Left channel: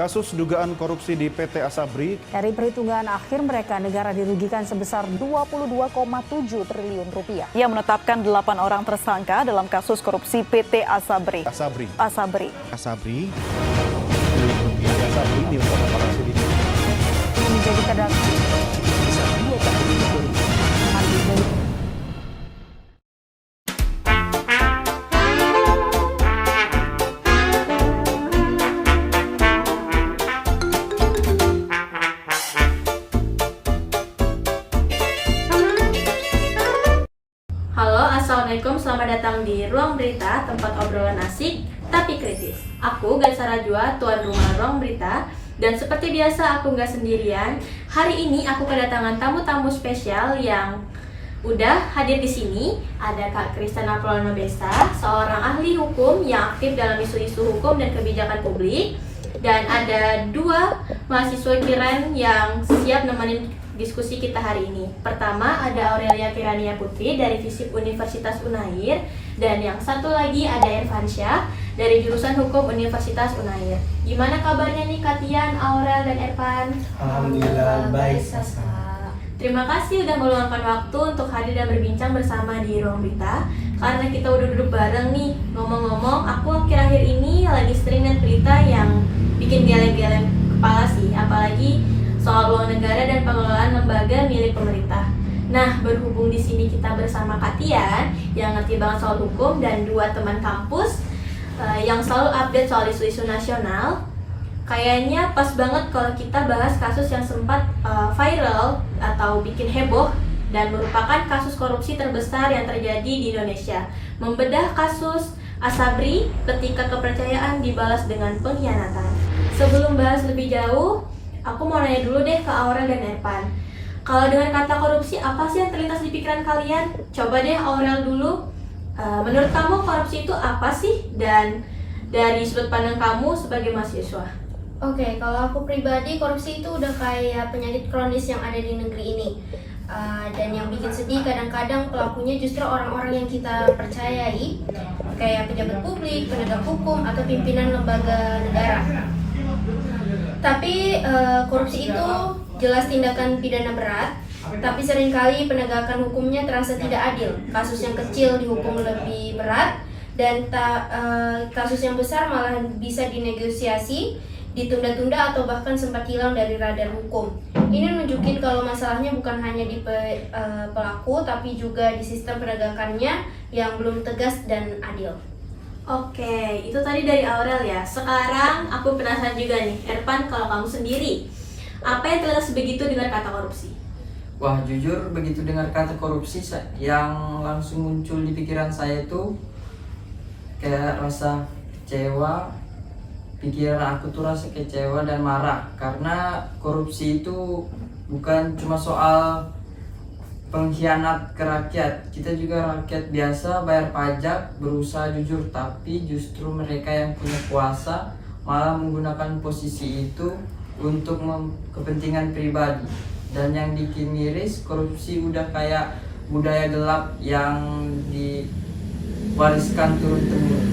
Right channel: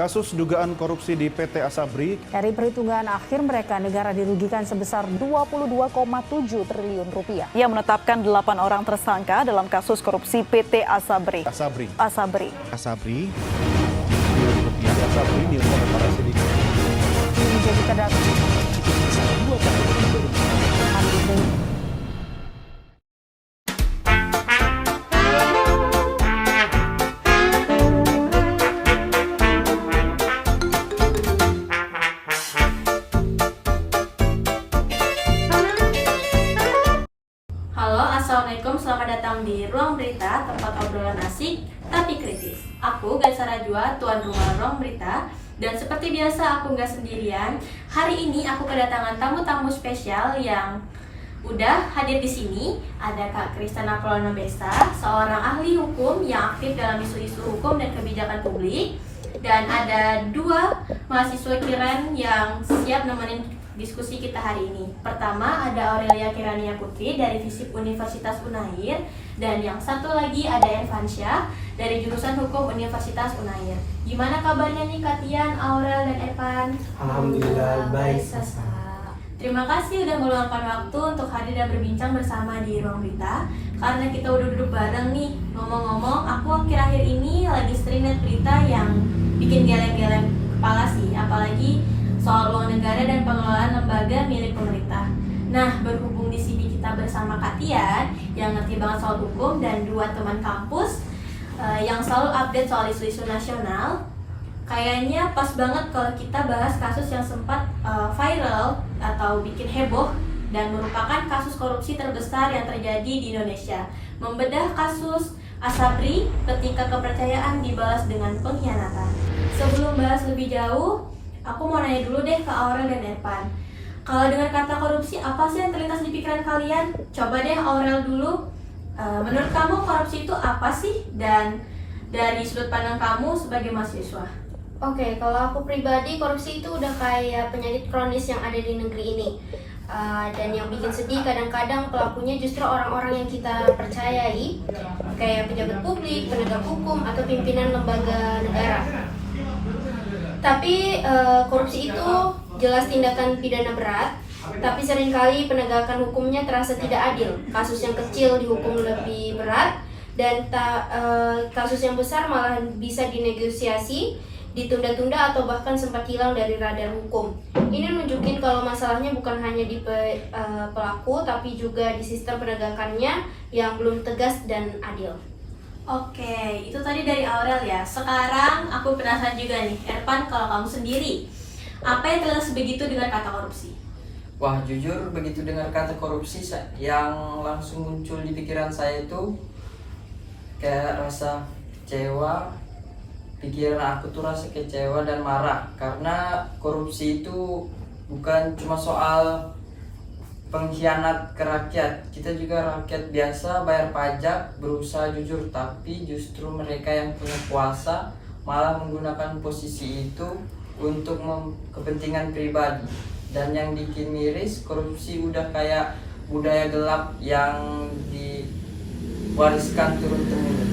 Kasus dugaan korupsi di PT Asabri. Dari perhitungan akhir mereka, negara dirugikan sebesar 22,7 triliun rupiah. Ia menetapkan 8 orang tersangka dalam kasus korupsi PT Asabri. Asabri Triliun rupiah. Asabri nilai oleh para sindikat. Ini menjadi terdakwa. Itu sebesar 2 tahun itu baru. Halo, Assalamualaikum, selamat datang di Ruang Berita, tempat obrolan asik tapi kritis. Aku Gaisa Rajwa, tuan rumah Ruang Berita. Dan seperti biasa aku nggak sendirian. Hari ini aku kedatangan tamu-tamu spesial yang udah hadir di sini. Ada Kak Kristana Pranobesta, seorang ahli hukum yang aktif dalam isu-isu hukum dan kebijakan publik. Dan ada 2 mahasiswa Kiran yang siap nemenin diskusi kita hari ini. Pertama ada Aurelia Kirania Putri dari FISIP Universitas Unair, dan yang satu lagi ada Irfansyah dari jurusan Hukum Universitas Unair. Gimana kabarnya nih Katian, Aurel, dan Irfan? Alhamdulillah baik, Sasa. Terima kasih udah meluangkan waktu untuk hadir dan berbincang bersama di Ruang Berita. Karena kita udah duduk bareng nih. Ngomong-ngomong, aku akhir-akhir ini lagi sering lihat berita yang bikin geleng-geleng kepala sih, apalagi soal uang negara dan pengelolaan lembaga milik pemerintah. Nah, berhubung di sini kita bersama Katian yang ngerti banget soal hukum dan 2 teman kampus yang selalu update soal isu-isu nasional, kayaknya pas banget kalau kita bahas kasus yang sempat viral atau bikin heboh dan merupakan kasus korupsi terbesar yang terjadi di Indonesia. Membedah kasus Asabri ketika kepercayaan dibalas dengan pengkhianatan. Sebelum bahas lebih jauh, aku mau nanya dulu deh ke Aurel dan Irfan. Kalau dengan kata korupsi, apa sih yang terlintas di pikiran kalian? Coba deh Aurel dulu. Menurut kamu korupsi itu apa sih? Dan dari sudut pandang kamu sebagai mahasiswa. Oke, kalau aku pribadi, korupsi itu udah kayak penyakit kronis yang ada di negeri ini. Dan yang bikin sedih kadang-kadang pelakunya justru orang-orang yang kita percayai, kayak pejabat publik, penegak hukum, atau pimpinan lembaga negara. Tapi korupsi itu jelas tindakan pidana berat, tapi seringkali penegakan hukumnya terasa tidak adil. Kasus yang kecil dihukum lebih berat, dan kasus yang besar malah bisa dinegosiasi, ditunda-tunda, atau bahkan sempat hilang dari radar hukum. Ini nunjukin kalau masalahnya bukan hanya di pelaku, tapi juga di sistem penegakannya yang belum tegas dan adil. Oke, itu tadi dari Aurel ya. Sekarang aku penasaran juga nih, Irfan, kalau kamu sendiri, apa yang terlintas begitu dengan kata korupsi? Wah, jujur begitu dengar kata korupsi, yang langsung muncul di pikiran saya itu kayak rasa kecewa. Pikiran aku tuh rasa kecewa dan marah, karena korupsi itu bukan cuma soal pengkhianat ke rakyat. Kita juga rakyat biasa bayar pajak, berusaha jujur, tapi justru mereka yang punya kuasa malah menggunakan posisi itu untuk kepentingan pribadi. Dan yang bikin miris, korupsi udah kayak budaya gelap yang diwariskan turun-temurun.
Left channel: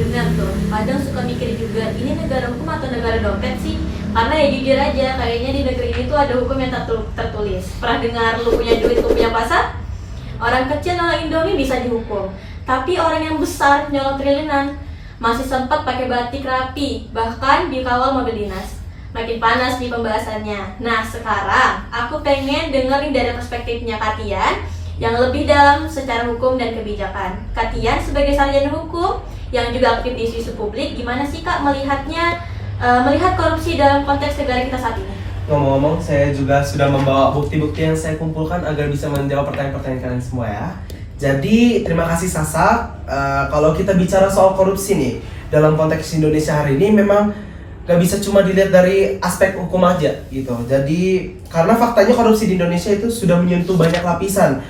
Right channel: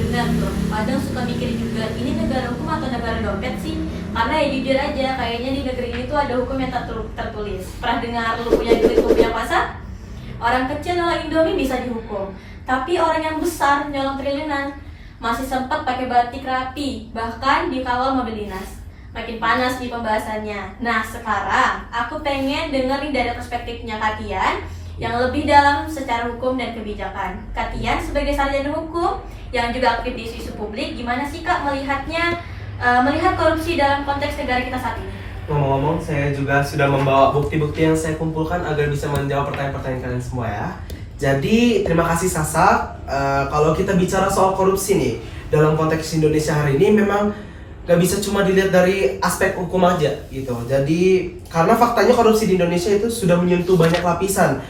Benar tuh, kadang suka mikir juga, ini negara hukum atau negara dompet sih? Karena ya jujur aja, kayaknya di negeri itu ada hukum yang tertulis. Pernah dengar lu punya duit, lu punya pasar? Orang kecil nyolong Indomie bisa dihukum, tapi orang yang besar nyolong triliunan masih sempat pakai batik rapi, bahkan dikawal mobil dinas. Makin panas nih pembahasannya. Nah, sekarang aku pengen dengerin dari perspektifnya Katian yang lebih dalam secara hukum dan kebijakan. Katian sebagai sarjana hukum yang juga aktif di isu publik, gimana sih Kak melihat korupsi dalam konteks negara kita saat ini? Ngomong-ngomong, saya juga sudah membawa bukti-bukti yang saya kumpulkan agar bisa menjawab pertanyaan-pertanyaan kalian semua ya. Jadi, terima kasih Sasa. Kalau kita bicara soal korupsi nih, dalam konteks Indonesia hari ini memang gak bisa cuma dilihat dari aspek hukum aja gitu. Jadi, karena faktanya korupsi di Indonesia itu sudah menyentuh banyak lapisan.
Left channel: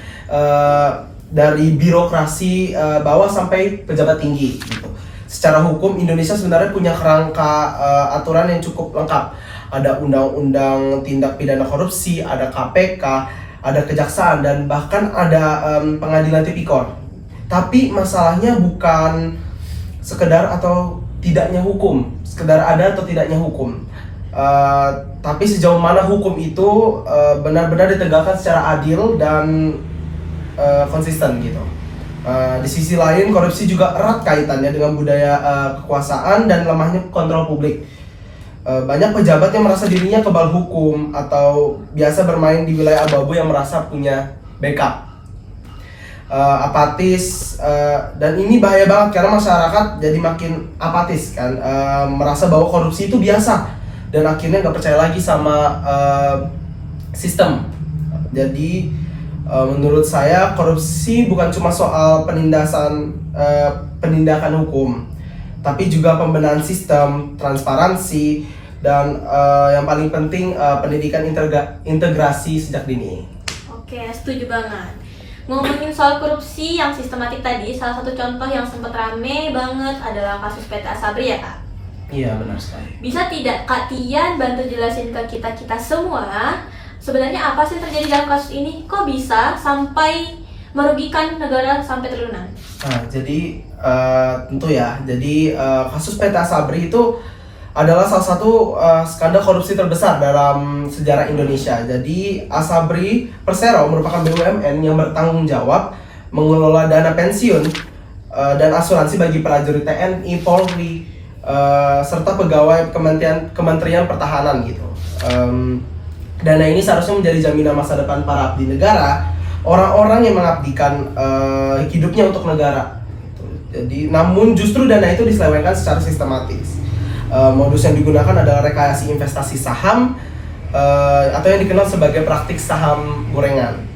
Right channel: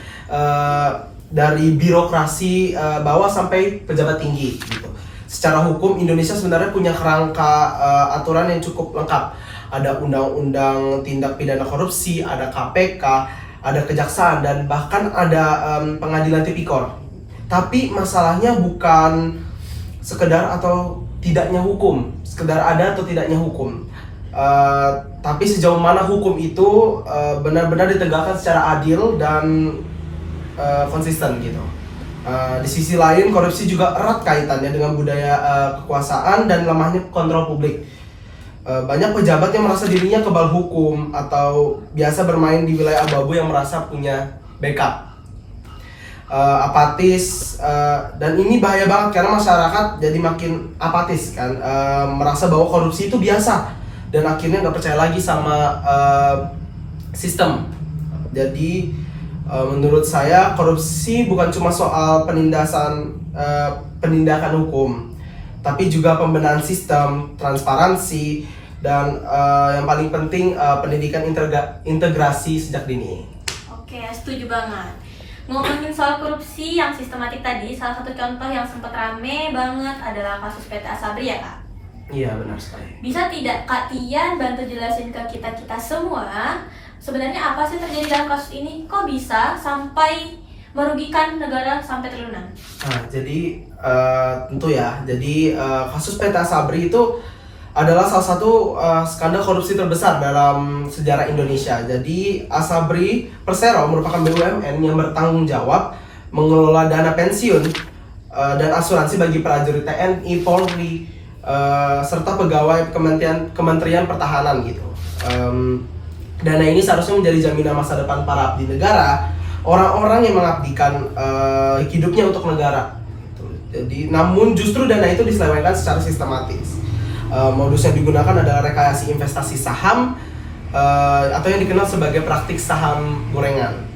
Dari birokrasi bawah sampai pejabat tinggi gitu. Secara hukum Indonesia sebenarnya punya kerangka aturan yang cukup lengkap. Ada undang-undang tindak pidana korupsi, ada KPK, ada kejaksaan, dan bahkan ada pengadilan tipikor. Tapi masalahnya bukan sekedar atau tidaknya hukum, sekedar ada atau tidaknya hukum. Tapi sejauh mana hukum itu benar-benar ditegakkan secara adil dan konsisten gitu. Di sisi lain, korupsi juga erat kaitannya dengan budaya kekuasaan dan lemahnya kontrol publik. Banyak pejabat yang merasa dirinya kebal hukum atau biasa bermain di wilayah abu-abu yang merasa punya backup. Apatis, dan ini bahaya banget karena masyarakat jadi makin apatis kan, merasa bahwa korupsi itu biasa dan akhirnya nggak percaya lagi sama sistem. Jadi menurut saya korupsi bukan cuma soal penindakan hukum, tapi juga pembenahan sistem, transparansi, dan yang paling penting pendidikan integrasi sejak dini. Oke, setuju banget. Ngomongin soal korupsi yang sistematik tadi, salah satu contoh yang sempat rame banget adalah kasus PT Asabri ya Kak? Iya, benar sekali. Bisa tidak Kak Tian bantu jelasin ke kita semua sebenarnya apa sih terjadi dalam kasus ini? Kok bisa sampai merugikan negara sampai triliunan? Nah, jadi tentu ya. Jadi kasus PT Asabri itu adalah salah satu skandal korupsi terbesar dalam sejarah Indonesia. Jadi Asabri Persero merupakan BUMN yang bertanggung jawab mengelola dana pensiun dan asuransi bagi prajurit TNI, Polri, serta pegawai Kementerian Pertahanan gitu. Dana ini seharusnya menjadi jaminan masa depan para abdi negara, orang-orang yang mengabdikan hidupnya untuk negara. Jadi, namun justru dana itu diselewengkan secara sistematis. Modus yang digunakan adalah rekayasa investasi saham atau yang dikenal sebagai praktik saham gorengan.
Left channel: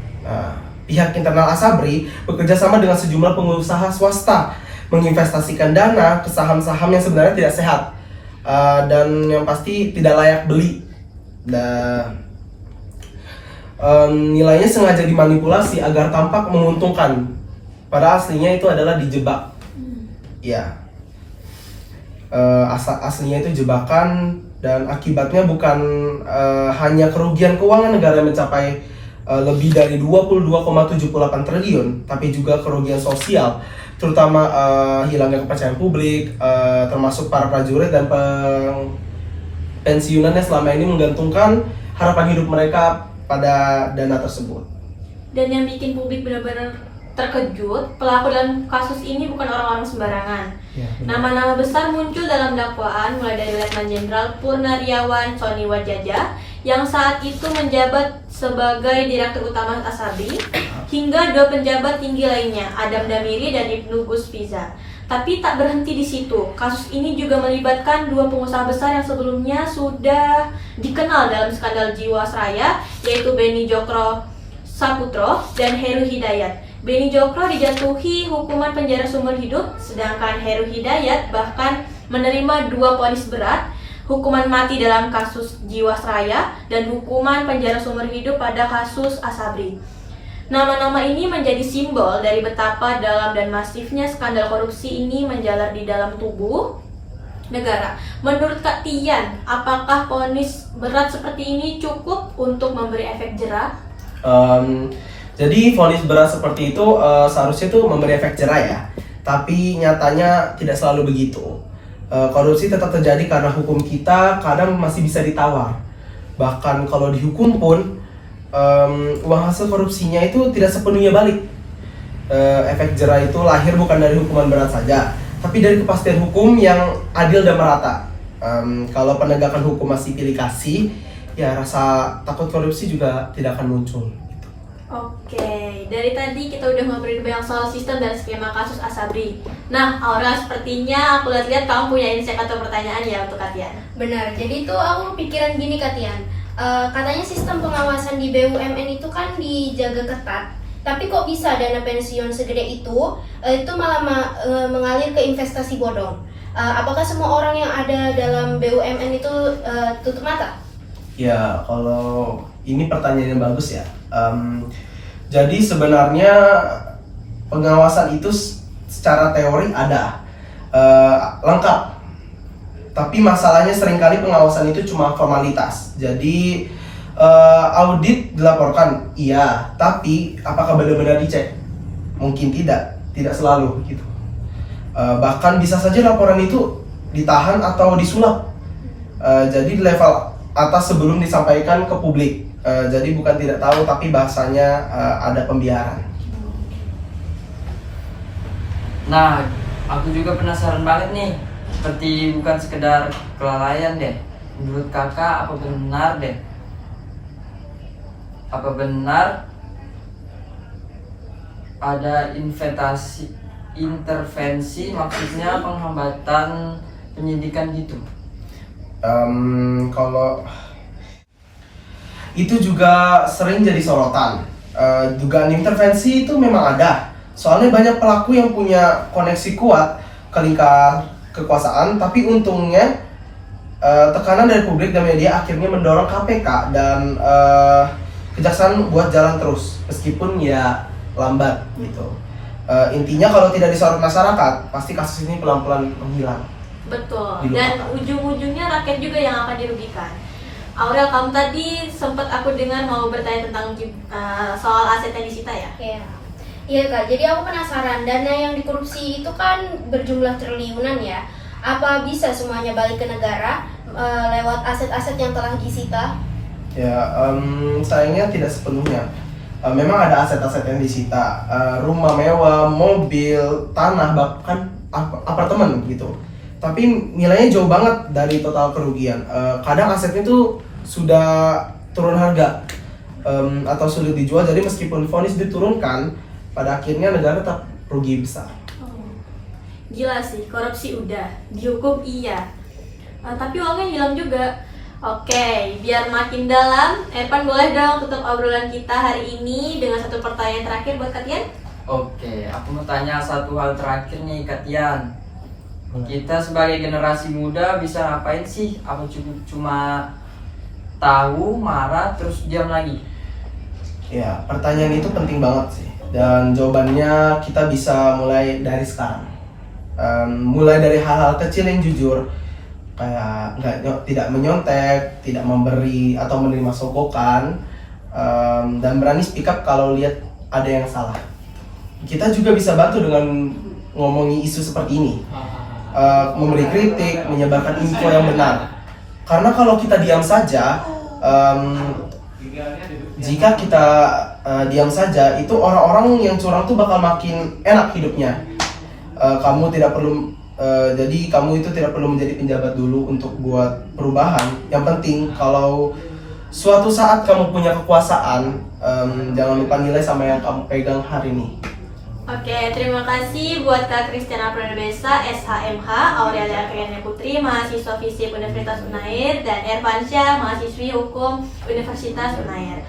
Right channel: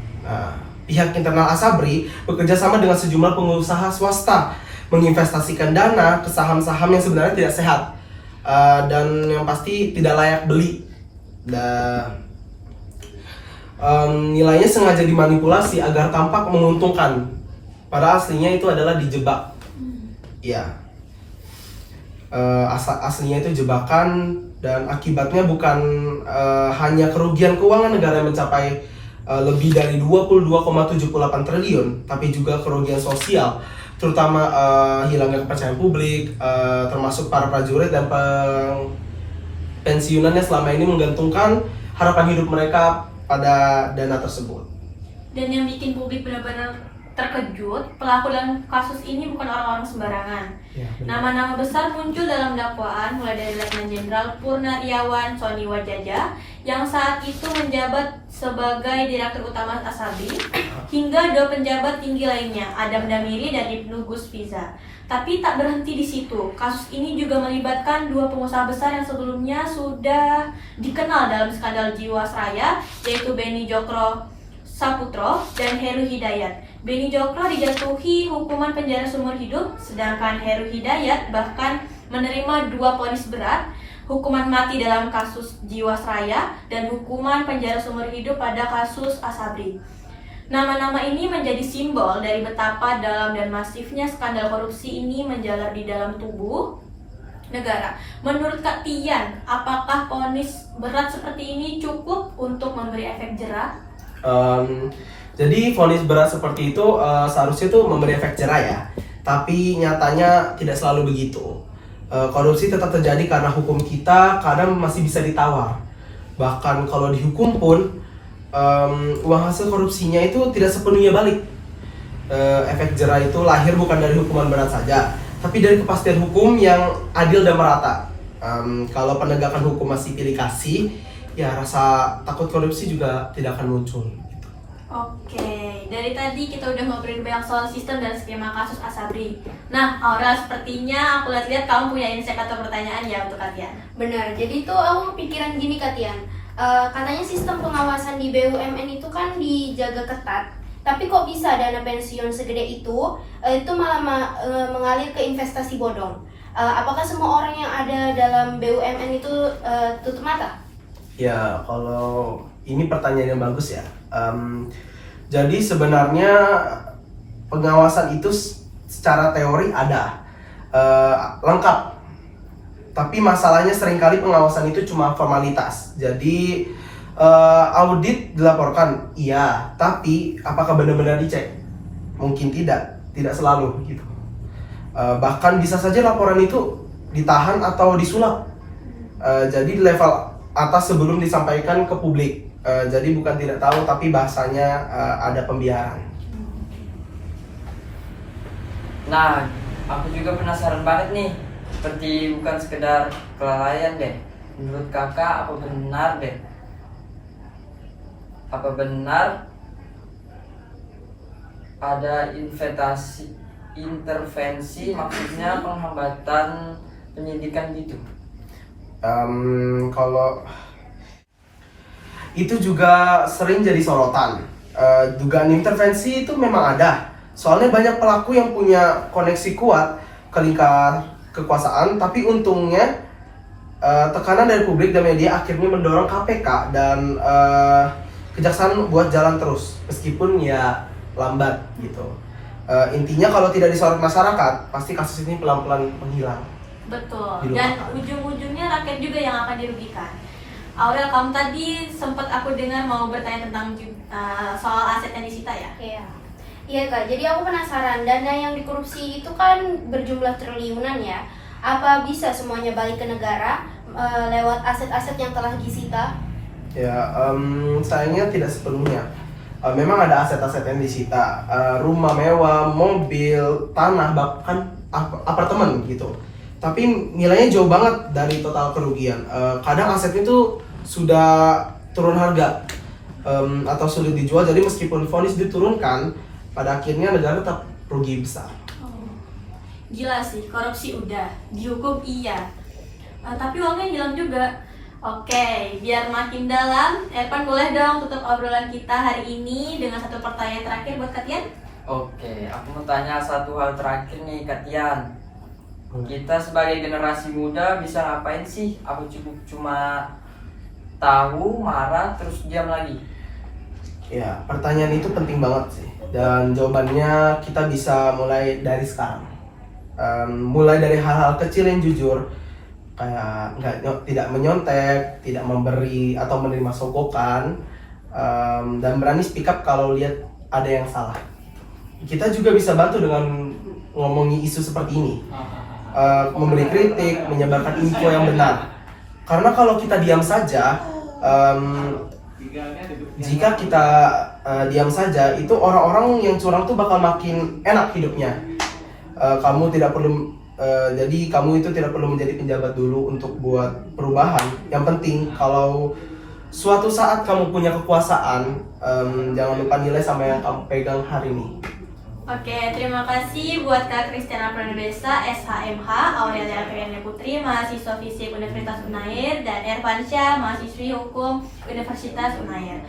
Pihak internal Asabri bekerja sama dengan sejumlah pengusaha swasta menginvestasikan dana ke saham-saham yang sebenarnya tidak sehat dan yang pasti tidak layak beli. Nilainya sengaja dimanipulasi agar tampak menguntungkan, padahal aslinya itu adalah dijebak. Ya. Aslinya itu jebakan dan akibatnya bukan hanya kerugian keuangan negara yang mencapai lebih dari 22,78 triliun, tapi juga kerugian sosial, terutama hilangnya kepercayaan publik, termasuk para prajurit dan pensiunan yang selama ini menggantungkan harapan hidup mereka pada dana tersebut. Dan yang bikin publik benar-benar terkejut, pelaku dalam kasus ini bukan orang-orang sembarangan. Nama-nama besar muncul dalam dakwaan, mulai dari Letnan Jenderal Purnariawan Soni Wajaja yang saat itu menjabat sebagai Direktur Utama Asabri, hingga 2 penjabat tinggi lainnya, Adam Damiri dan Ibnu Gus Piza. Tapi tak berhenti di situ, kasus ini juga melibatkan 2 pengusaha besar yang sebelumnya sudah dikenal dalam skandal Jiwasraya, yaitu Beni Jokro Saputro dan Heru Hidayat. Beni Jokro dijatuhi hukuman penjara seumur hidup, sedangkan Heru Hidayat bahkan menerima 2 vonis berat, hukuman mati dalam kasus Jiwasraya dan hukuman penjara seumur hidup pada kasus Asabri. Nama-nama ini menjadi simbol dari betapa dalam dan masifnya skandal korupsi ini menjalar di dalam tubuh negara. Menurut Kak Tian, apakah vonis berat seperti ini cukup untuk memberi efek jera? Jadi vonis berat seperti itu seharusnya itu memberi efek jera ya, tapi nyatanya tidak selalu begitu. Korupsi tetap terjadi karena hukum kita kadang masih bisa ditawar. Bahkan kalau dihukum pun uang hasil korupsinya itu tidak sepenuhnya balik. Efek jera itu lahir bukan dari hukuman berat saja, tapi dari kepastian hukum yang adil dan merata. Kalau penegakan hukum masih pilih kasih, ya rasa takut korupsi juga tidak akan muncul. Oke, dari tadi kita udah ngobrolin banyak soal sistem dan skema kasus Asabri. Nah, Aurel, sepertinya aku lihat kamu punya insight atau pertanyaan ya untuk Katian. Benar, jadi itu aku kepikiran gini Katian. Katanya sistem pengawasan di BUMN itu kan dijaga ketat, tapi kok bisa dana pensiun segede itu malah mengalir ke investasi bodong? Apakah semua orang yang ada dalam BUMN itu tutup mata? Ya, kalau ini pertanyaan yang bagus ya. Jadi sebenarnya pengawasan itu secara teori ada, lengkap. Tapi masalahnya seringkali pengawasan itu cuma formalitas. Jadi audit dilaporkan, iya. Tapi apakah benar-benar dicek? Mungkin tidak selalu gitu. Bahkan bisa saja laporan itu ditahan atau disulap. Jadi di level atas sebelum disampaikan ke publik. Jadi bukan tidak tahu, tapi bahasanya ada pembiaran. Nah, aku juga penasaran banget nih. Seperti bukan sekedar kelalaian deh. Menurut kakak apa benar deh? Apa benar ada intervensi maksudnya penghambatan penyidikan gitu? Kalau itu juga sering jadi sorotan. Dugaan intervensi itu memang ada. Soalnya banyak pelaku yang punya koneksi kuat ke lingkar kekuasaan, tapi untungnya tekanan dari publik dan media akhirnya mendorong KPK dan kejaksaan buat jalan terus, meskipun ya lambat gitu. Intinya kalau tidak disorot masyarakat, pasti kasus ini pelan-pelan menghilang. Betul, dan ujung-ujungnya rakyat juga yang akan dirugikan. Aurel, kamu tadi sempat aku dengar mau bertanya tentang soal aset yang disita ya? Iya Kak, jadi aku penasaran, dana yang dikorupsi itu kan berjumlah triliunan ya. Apa bisa semuanya balik ke negara lewat aset-aset yang telah disita? Ya, sayangnya tidak sepenuhnya. Memang ada aset-aset yang disita, rumah mewah, mobil, tanah, bahkan apartemen gitu. Tapi nilainya jauh banget dari total kerugian. Kadang asetnya itu sudah turun harga atau sulit dijual. Jadi meskipun vonis diturunkan, pada akhirnya negara tetap rugi besar. Gila sih, korupsi udah, dihukum iya. Tapi uangnya hilang juga. Oke, biar makin dalam, Ervan boleh dong tutup obrolan kita hari ini dengan satu pertanyaan terakhir buat Katian? Oke, aku mau tanya satu hal terakhir nih Katian. Kita sebagai generasi muda bisa ngapain sih? Apa cukup cuma tahu, marah, terus diam lagi? Ya, pertanyaan itu penting banget sih. Dan jawabannya kita bisa mulai dari sekarang. Mulai dari hal-hal kecil yang jujur, kayak tidak menyontek, tidak memberi atau menerima sogokan, dan berani speak up kalau lihat ada yang salah. Kita juga bisa bantu dengan ngomongi isu seperti ini, memberi kritik, menyebarkan info yang benar. Karena kalau kita diam saja, jika kita diam saja, itu orang-orang yang curang tuh bakal makin enak hidupnya. Kamu tidak perlu jadi kamu itu tidak perlu menjadi penjabat dulu untuk buat perubahan. Yang penting kalau suatu saat kamu punya kekuasaan, jangan lupa nilai sama yang kamu pegang hari ini. Oke, terima kasih buat Kak Christiana Pranabesa, SHMH, Aurelia Kriani Putri, mahasiswa Fisip Universitas Unair, dan Ervansyah, mahasiswi Hukum Universitas Unair.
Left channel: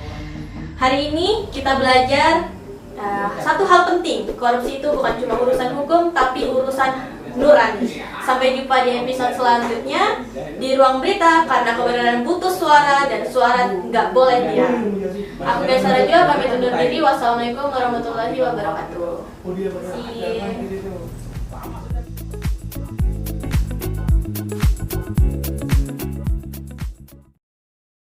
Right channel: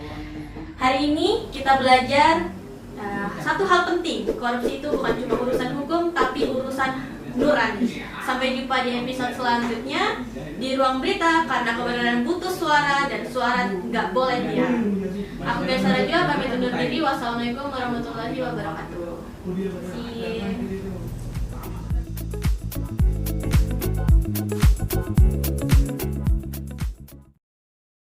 Hari ini kita belajar satu hal penting, korupsi itu bukan cuma urusan hukum, tapi urusan nurani. Sampai jumpa di episode selanjutnya di Ruang Berita, karena kebenaran butuh suara dan suara nggak boleh diam. Aku Desa Raja pamit undur diri. Wassalamualaikum warahmatullahi wabarakatuh. See you.